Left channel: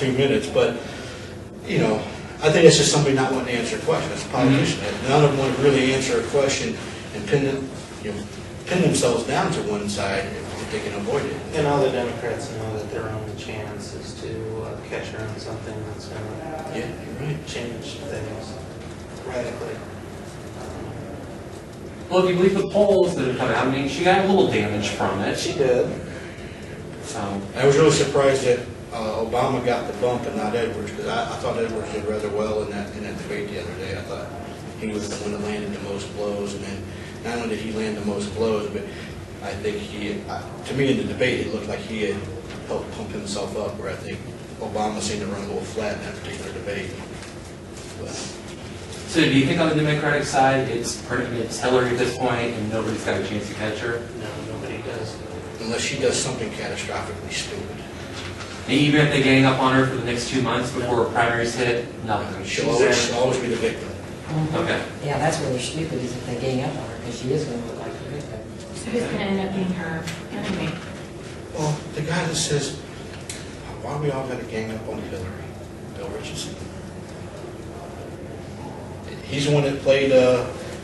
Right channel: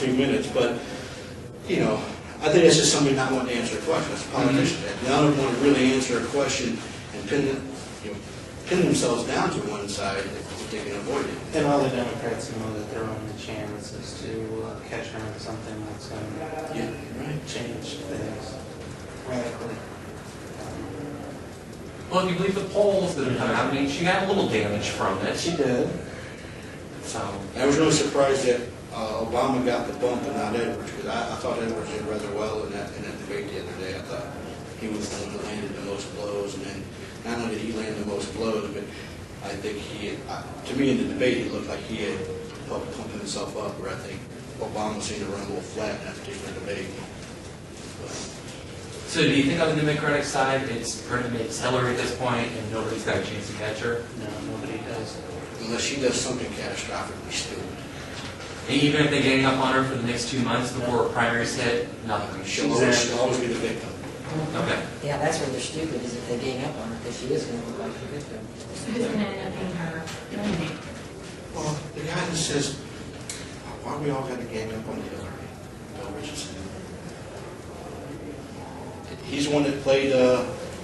2 minutes, but, you know, I think it's just somebody not wanting to answer a question. It's a politician. None of them want to really answer a question and pin themselves down to one side if they can avoid it. And all the Democrats know that their only chance is to catch her on something that's going to change things radically. Well, if you believe the polls that are coming out, I mean, she got a little damage from it. She did. So I was really surprised that Obama got the bump and not Edwards, because I thought Edwards did rather well in that debate the other day. I thought he was the one that landed the most blows, and then not only did he land the most blows, but I think to me in the debate, it looked like he had helped pump himself up, where I think Obama seemed to run a little flat in that particular debate. But, So do you think on the Democratic side, it's Hillary at this point, and nobody's got a chance to catch her? No, nobody does. unless she does something catastrophically stupid. And even if they gang up on her for the next 2 months before primaries hit, nothing. She'll always be the victim. Okay. Yeah, that's where they're stupid, is if they gang up on her, because she is going to look like the victim. So who's going to end up being her enemy? Well, the guy that says, why we all got to gang up on Hillary, Bill Richardson. He's the one that played,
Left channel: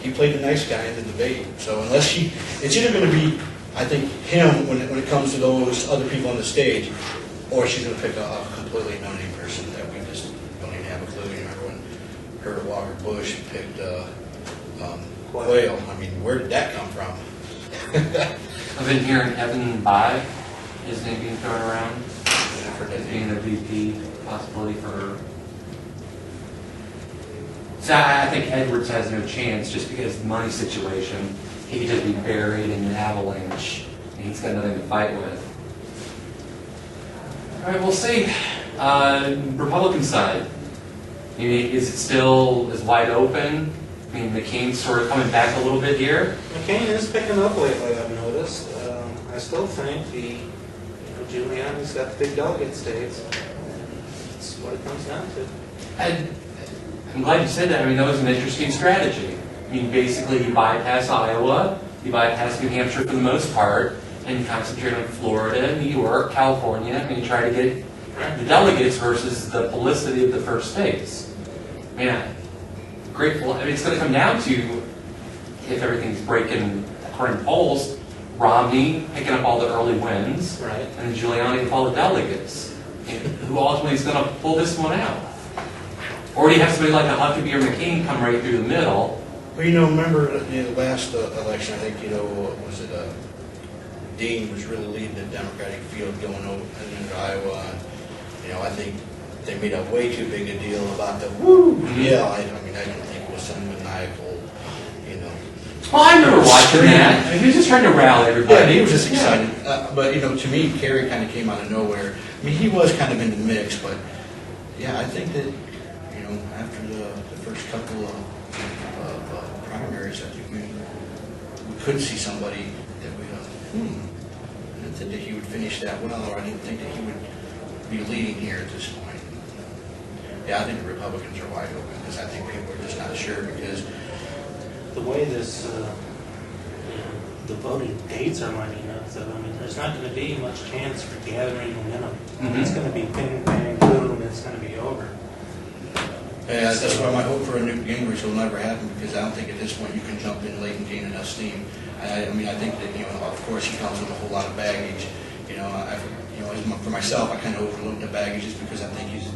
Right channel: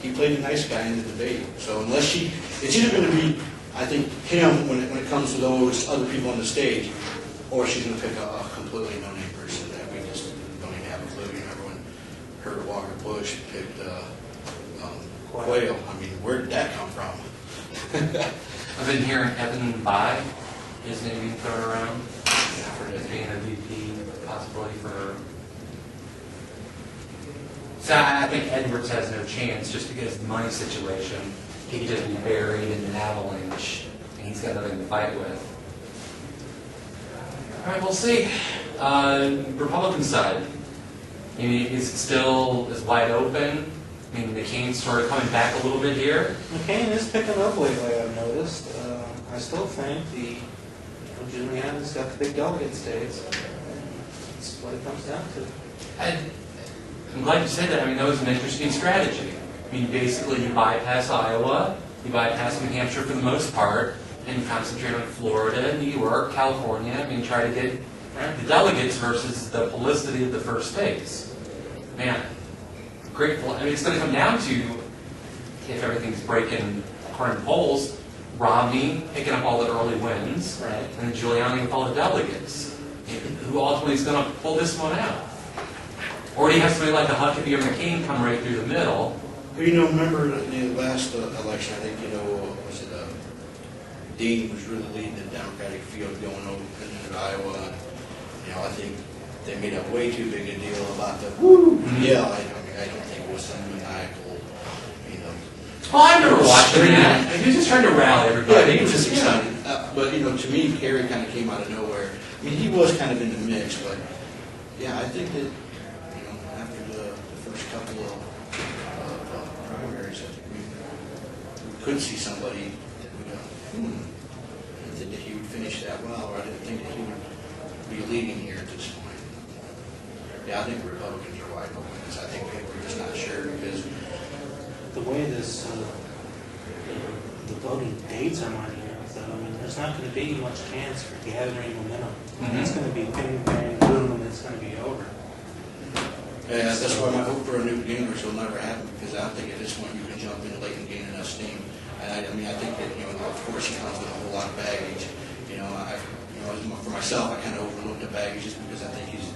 he played the nice guy in the debate. So unless she, it's either going to be, I think, him when it comes to those other people on the stage, or she's going to pick a completely no-name person that we just don't even have a clue. You remember when Herbert Walker Bush picked Quayle? I mean, where did that come from? I've been hearing Evan Bayh, his name being thrown around as being a VP possibility for her. So I think Edwards has no chance just because of the money situation. He could just be buried in an avalanche, and he's got nothing to fight with. All right, we'll see. Republican side, I mean, is it still as wide open? I mean, McCain's sort of coming back a little bit here. McCain is picking up lately, I've noticed. I still think Giuliani's got the big delegate states. That's what it comes down to. I'm glad you said that. I mean, that was an interesting strategy. I mean, basically, you bypass Iowa, you bypass New Hampshire for the most part, and you concentrate on Florida, New York, California. I mean, try to get the delegates versus the publicity of the first states. Man, grateful. I mean, it's going to come down to, if everything's breaking according to polls, Romney picking up all the early wins, Right. and Giuliani with all the delegates. Who ultimately is going to pull this one out? Or do you have somebody like a Huckabee or McCain come right through the middle? Well, remember the last election, I think, was it Dean was really leading the Democratic field going over into Iowa. I think they made a way too big a deal about the woo. Yeah, I mean, I don't think it was some maniacal, Well, I remember watching that. I mean, he was just trying to rally everybody. Yeah, he was just excited. But, to me, Kerry kind of came out of nowhere. I mean, he was kind of in the mix, but, yeah, I think that, after the first couple of primaries, I think we could see somebody that we I didn't think that he would finish that well, or I didn't think that he would be leading here at this point. Yeah, I think the Republicans are wide open, because I think people are just not sure, because The way this, the voting dates are lining up, though, I mean, there's not going to be much chance for gathering momentum. It's going to be bang, bang, boom, it's going to be over. yeah, that's why my hope for a Newt Gingrich will never happen, because I don't think at this point you can jump in late and gain enough steam. I mean, I think that, of course he comes with a whole lot of baggage. For myself, I kind of overlooked the baggage just because I think he's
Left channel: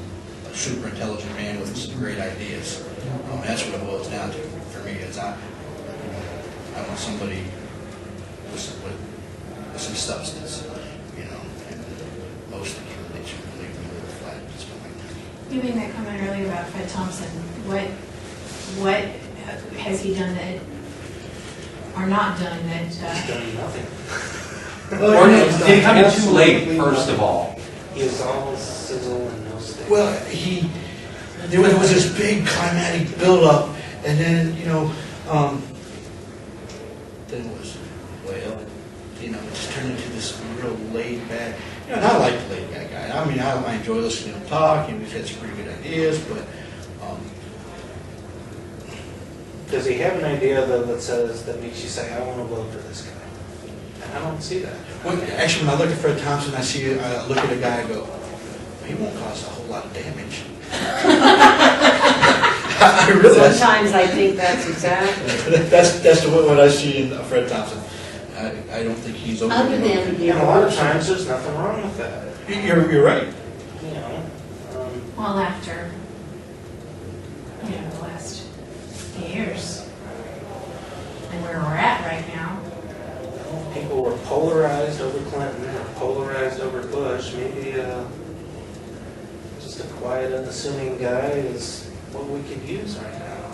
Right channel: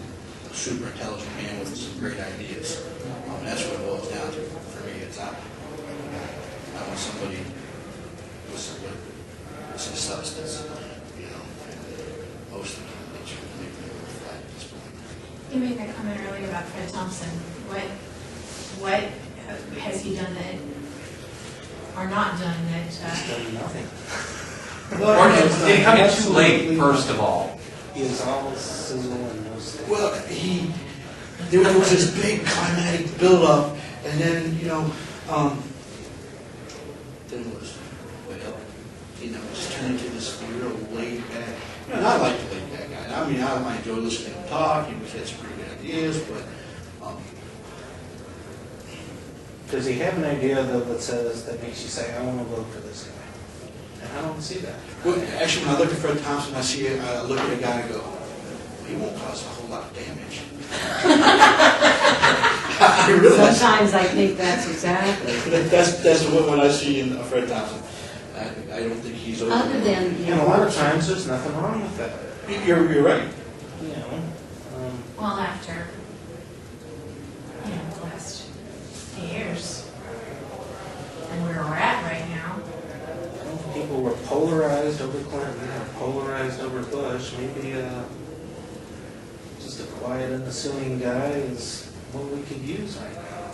a super intelligent man with some great ideas. That's what it boils down to for me. Is I want somebody with some substance, and most of the candidates really flat at this point. You made that comment earlier about Fred Thompson. What has he done that, or not done that? He's done nothing. Or did he come in too late, first of all? He is all sizzle and no steak. Well, there was this big climatic buildup, and then, then it was, it just turned into this real laid back, and I like the laid back guy. I mean, I enjoy listening to him talk, and we've had some pretty good ideas, but, Does he have an idea, though, that makes you say, I want to vote for this guy? And I don't see that. well, actually, when I look at Fred Thompson, I look at a guy and go, he won't cause a whole lot of damage. I really, Sometimes I think that's exactly. that's the way what I see in Fred Thompson. I don't think he's over. Other than the And a lot of times, there's nothing wrong with that, You're right. you know? Well, after, the last years, and where we're at right now, People were polarized over Clinton or polarized over Bush. Maybe just a quiet, unassuming guy is what we could use right now.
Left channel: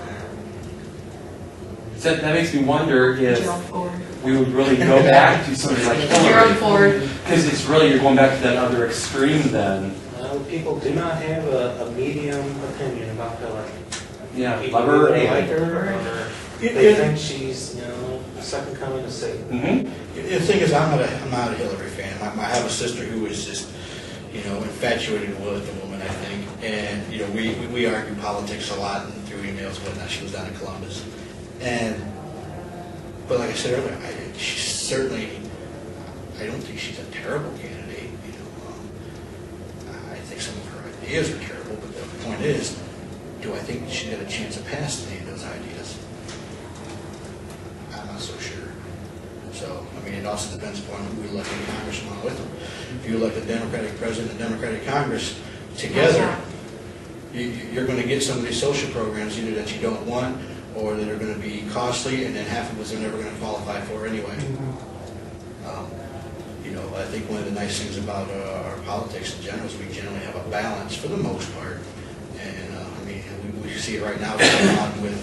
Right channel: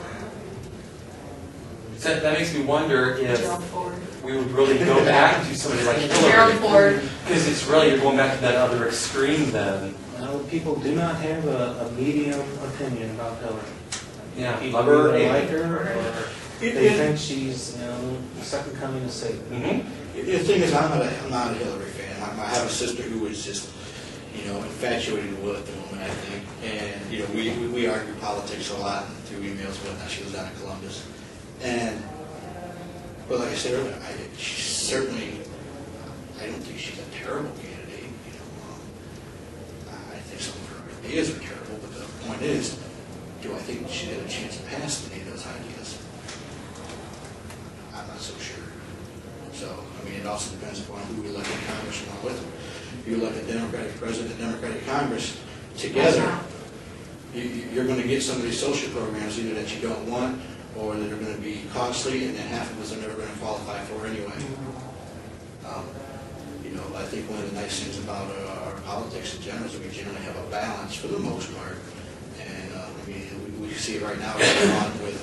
So that makes me wonder if Gerald Ford. we would really go back to somebody like Gerald Hillary. Ford. Because it's really, you're going back to that other extreme then. Well, people do not have a medium opinion about Hillary. Yeah, People love her either or like hate her. her or they think she's, the second coming of Satan. Mm-hmm. The thing is, I'm not a Hillary fan. I have a sister who is just, infatuated with the woman, I think. And, we argue politics a lot and through emails and whatnot. She was down in Columbus. But like I said earlier, she's certainly, I don't think she's a terrible candidate. I think some of her ideas are terrible, but the point is, do I think she's got a chance of passing any of those ideas? I'm not so sure. So, it also depends upon who we elect in Congress along with them. If you elect a Democratic president and a Democratic Congress together, you're going to get some of these social programs either that you don't want or that are going to be costly, and then half of us are never going to qualify for anyway. I think one of the nice things about our politics in general is we generally have a balance for the most part. And we see it right now going on with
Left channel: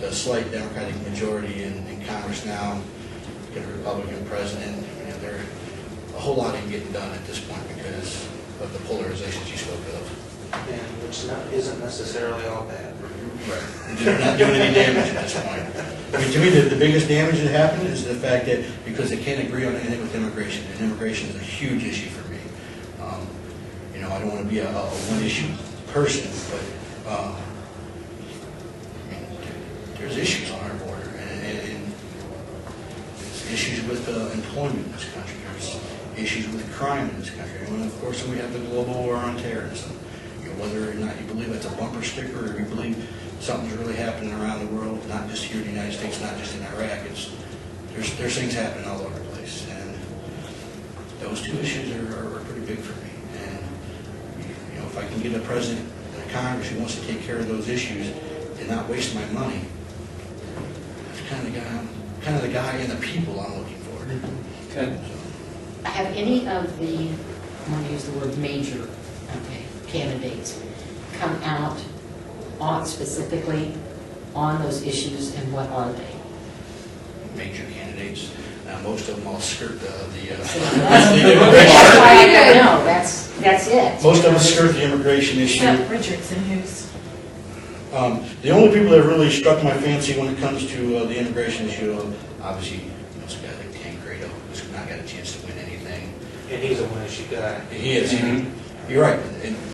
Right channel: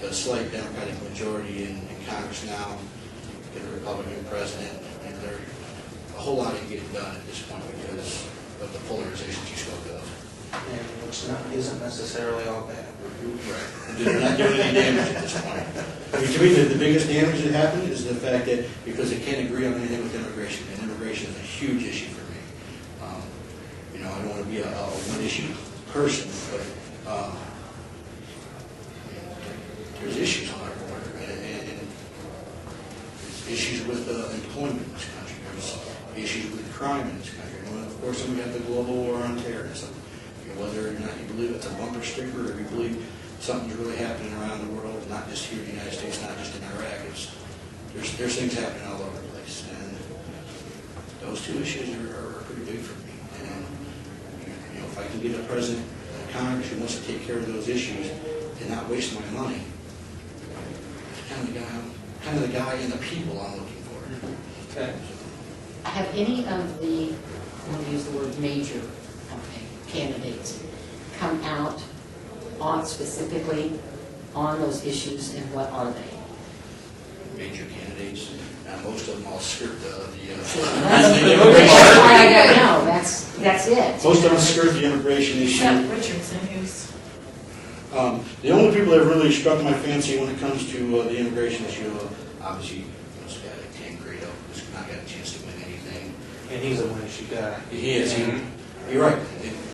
the slight Democratic majority in Congress now, get a Republican president, and there's a whole lot ain't getting done at this point because of the polarizations you spoke of. And which isn't necessarily all bad. Right. They're not doing any damage at this point. To me, the biggest damage that happened is the fact that because they can't agree on anything with immigration, and immigration is a huge issue for me. I don't want to be a one-issue person, but there's issues on our border, and there's issues with employment in this country. There's issues with crime in this country. And of course, then we have the global war on terrorism. Whether or not you believe it's a bumper sticker or you believe something's really happening around the world, not just here in the United States, not just in Iraq, there's things happening all over the place. And those two issues are pretty big for me. And if I can get a president and a Congress who wants to take care of those issues and not waste my money, that's kind of the guy and the people I'm looking for. Okay. Have any of the, I want to use the word major, candidates come out on specifically on those issues, and what are they? Major candidates. Most of them all skirt the That's why I don't know. That's it. Most of them skirt the immigration issue. Richardson, who's The only people that really struck my fancy when it comes to the immigration issue, obviously, it's a guy like Tancredo, who's not got a chance to win anything. And he's a one-issue guy. He is. Mhm. You're right. And